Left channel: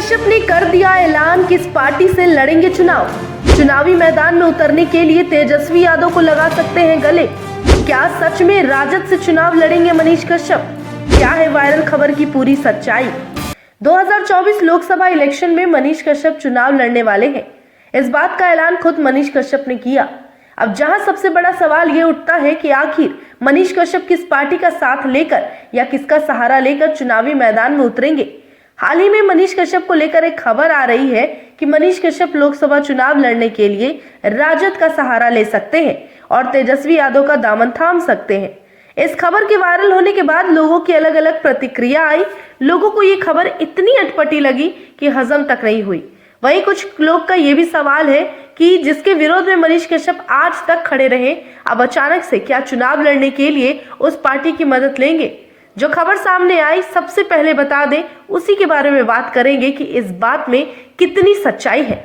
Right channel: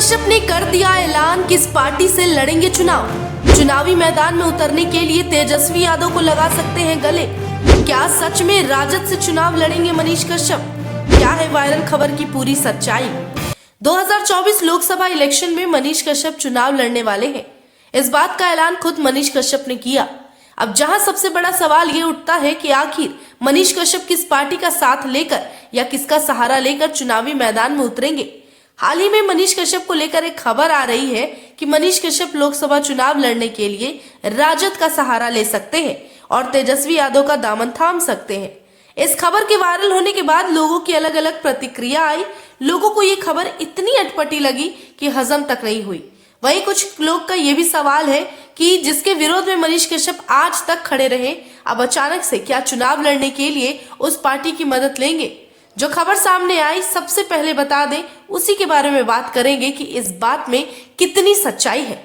कश्यप ने कर दिया ऐलान, किस पार्टी से लड़ेंगे चुनाव। चुनावी मैदान में उतरने के लिए तेजस्वी यादव को लगा सकते हैं गले। क्या सच में राजद से चुनाव लड़ेंगे मनीष कश्यप? क्या है वायरल खबर की पूरी सच्चाई? 2024 लोकसभा इलेक्शन में मनीष कश्यप चुनाव लड़ने वाले हैं। इस बात का ऐलान खुद मनीष कश्यप ने किया। अब जहां सबसे बड़ा सवाल ये उठता है कि आखिर मनीष कश्यप किस पार्टी का साथ लेकर या किसका सहारा लेकर चुनावी मैदान में उतरेंगे। हाल ही में मनीष कश्यप को लेकर एक खबर आ रही है कि मनीष कश्यप लोकसभा चुनाव लड़ने के लिए राजद का सहारा ले सकते हैं और तेजस्वी यादव का दामन थाम सकते हैं। इस खबर के वायरल होने के बाद लोगों की अलग अलग प्रतिक्रिया आई। लोगों को ये खबर इतनी अटपटी लगी कि हजम तक नहीं हुई। वहीं कुछ लोग का ये भी सवाल है कि जिसके विरोध में मनीष कश्यप आज तक खड़े रहे, अब अचानक से क्या चुनाव लड़ने के लिए उस पार्टी की मदद लेंगे। जो खबर सामने आई, सबसे पहले बता दें, उसी के बारे में बात करेंगे कि इस बात में कितनी सच्चाई है।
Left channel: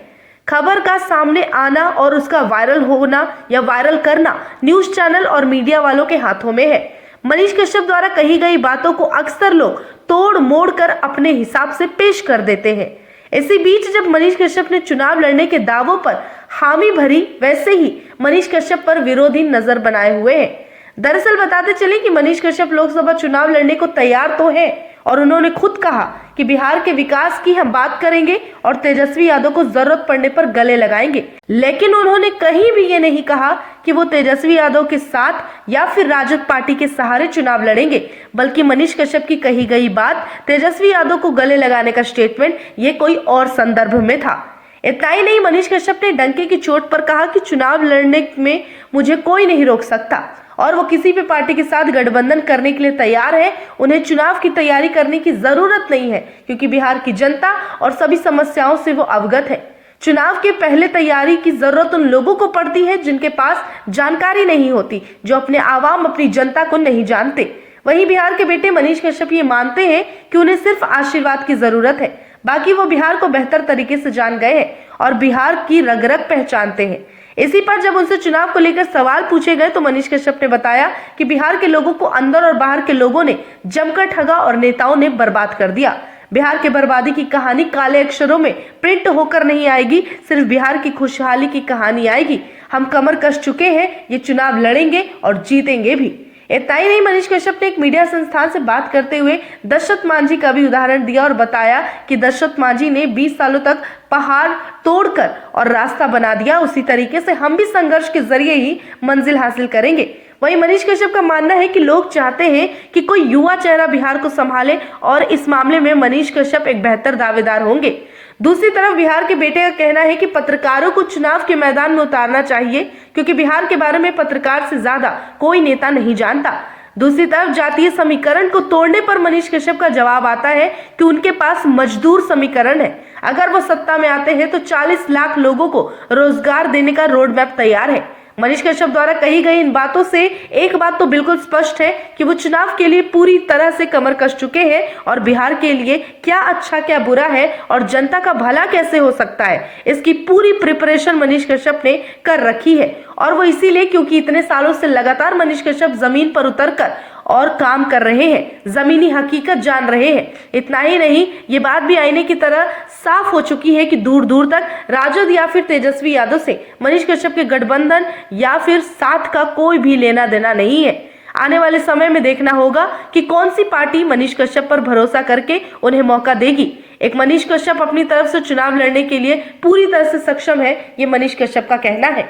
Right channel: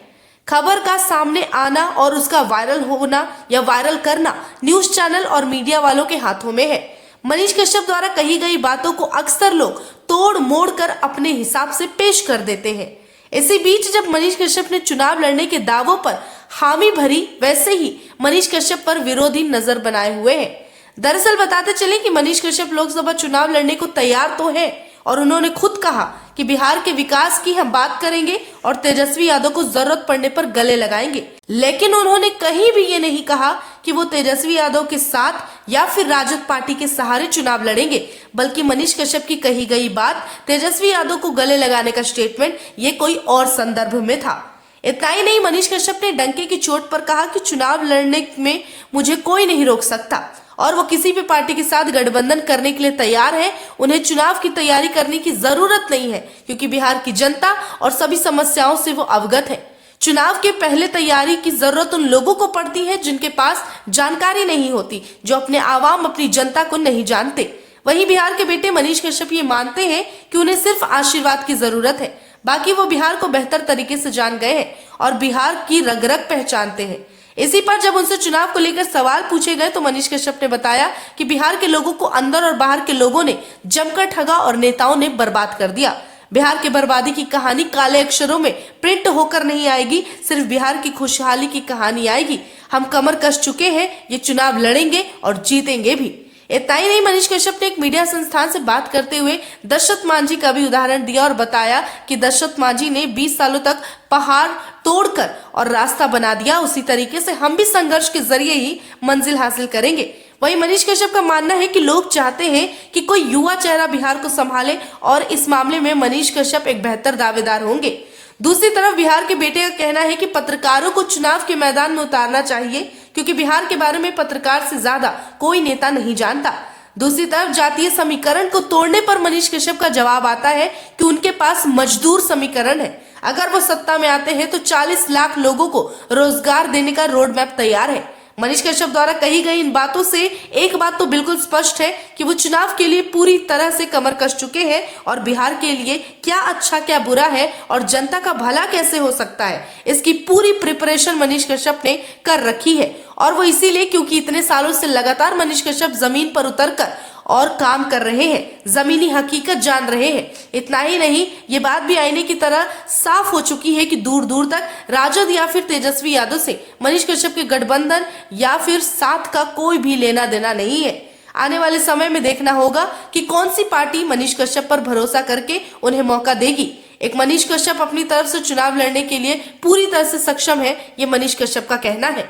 खबर का सामने आना और उसका वायरल होना या वायरल करना न्यूज चैनल और मीडिया वालों के हाथों में है। मनीष कश्यप द्वारा कही गई बातों को अक्सर लोग तोड़ मोड़ कर अपने हिसाब से पेश कर देते हैं। इसी बीच जब मनीष कश्यप ने चुनाव लड़ने के दावों पर हामी भरी, वैसे ही मनीष कश्यप पर विरोधी नजर बनाए हुए हैं। दरअसल बताते चले कि मनीष कश्यप लोकसभा चुनाव लड़ने को तैयार तो हैं और उन्होंने खुद कहा कि बिहार के विकास की हम बात करेंगे और तेजस्वी यादव को जरूरत पड़ने पर गले लगाएंगे। लेकिन उन्होंने कहीं भी ये नहीं कहा कि वो तेजस्वी यादव के साथ या फिर राजद पार्टी के सहारे चुनाव लड़ेंगे, बल्कि मनीष कश्यप की कही गई बात, तेजस्वी यादव को गले लगाने का स्टेटमेंट, ये कोई और संदर्भ में था। इतना ही नहीं, मनीष कश्यप ने डंके की चोट पर कहा कि चुनाव लड़ने में मुझे कोई नहीं रोक सकता और वो किसी भी पार्टी के साथ गठबंधन करने के लिए तैयार है। उन्हें चुनाव की तैयारी करने की जरूरत नहीं है क्योंकि बिहार की जनता और सभी समस्याओं से वो अवगत है। चुनाव के पहले तैयारी की जरूरत उन लोगों को पड़ती है जिनके पास जानकारी नहीं होती, जो अपने आवाम, अपनी जनता को नहीं जानते। वहीं बिहार के बेटे मनीष कश्यप ये मानते हैं कि उन्हें सिर्फ आशीर्वाद की जरूरत है, बाकी वो बिहार को बेहतर तरीके से जान गए हैं और बिहार की रग रग पहचानते हैं। इसी पर जब उनसे चुनाव को लेकर सवाल पूछे गए तो मनीष कश्यप ने बताया कि बिहार के लोगों को अंदर और बाहर के लोगों ने जमकर ठगा और नेताओं ने बर्बाद कर दिया। बिहार के बर्बादी की कहानी काले अक्षरों में प्रिंट होकर नहीं आएगी, सिर्फ बिहार की खुशहाली की कहानी आएगी। हम कमर कस चुके हैं, ये चुनाव लड़ेंगे और जीतेंगे भी। इतना ही नहीं, मनीष कश्यप ने एक मीडिया संस्थान से बात करते हुए दशरथ मांझी का भी उदाहरण दिया और बताया कि दशरथ मांझी ने 20 सालों तक पहाड़ तोड़कर और रास्ता बना दिया, उसी तरीके से हम भी संघर्ष के जरिए ही मंजिल हासिल करेंगे। वहीं मनीष कश्यप का मानना है कि लोग चाहते हैं कि कोई युवा चेहरा बिहार को संभाले और इस मामले में मनीष कश्यप एक बेहतर दावेदार होंगे। दूसरी तरफ बिहार के बेटे का कहना है कि पत्रकारों को चुनाव के मैदान में उतारना चाहिए क्योंकि बिहार के बारे में पत्रकार से ज्यादा कोई नेता नहीं जानता। दूसरी तरफ जातीय समीकरण को तोड़ने पर मनीष कश्यप का जवाब आता है कि उनके पास मजदूर समीकरण है। अगर वो सत्ता में आते हैं तो 40 लाख लोगों को रोजगार देने का रोड मैप तैयार है। मनीष कश्यप द्वारा कही गई इन बातों से एक बात तो बिल्कुल स्पष्ट है कि वो चुनाव के लिए पूरी तरह से कमर कस चुके हैं और बिहार के लिए क्या अच्छा क्या बुरा है और जनता का भला कैसे हो सकता है, इसकी पूरी प्रिपरेशन मनीष कश्यप ने कर रखी है। और वो इसीलिए क्योंकि इतने सालों से लगातार मनीष कश्यप जमीन पर उतरकर और काम कर रहे हैं, जमीनी हकीकत जान रहे हैं। इतना ही नहीं, ये बात भी आईने की तरह साफ हो चुकी है कि दूर दूर तक राजद या फिर तेजस्वी यादव से मनीष कश्यप के गठबंधन या फिर साथ का कोई भी लेना देना नहीं है। आने वाले समय में देखना होगा कि कौन सी पार्टी मनीष कश्यप पर भरोसा करके उन्हें मौका देगी। एक मनीष कश्यप अपनी तरफ से चुनाव लड़ने के लिए पूरी तरह से सक्षम है, ये मनीष कश्यप का कहना है।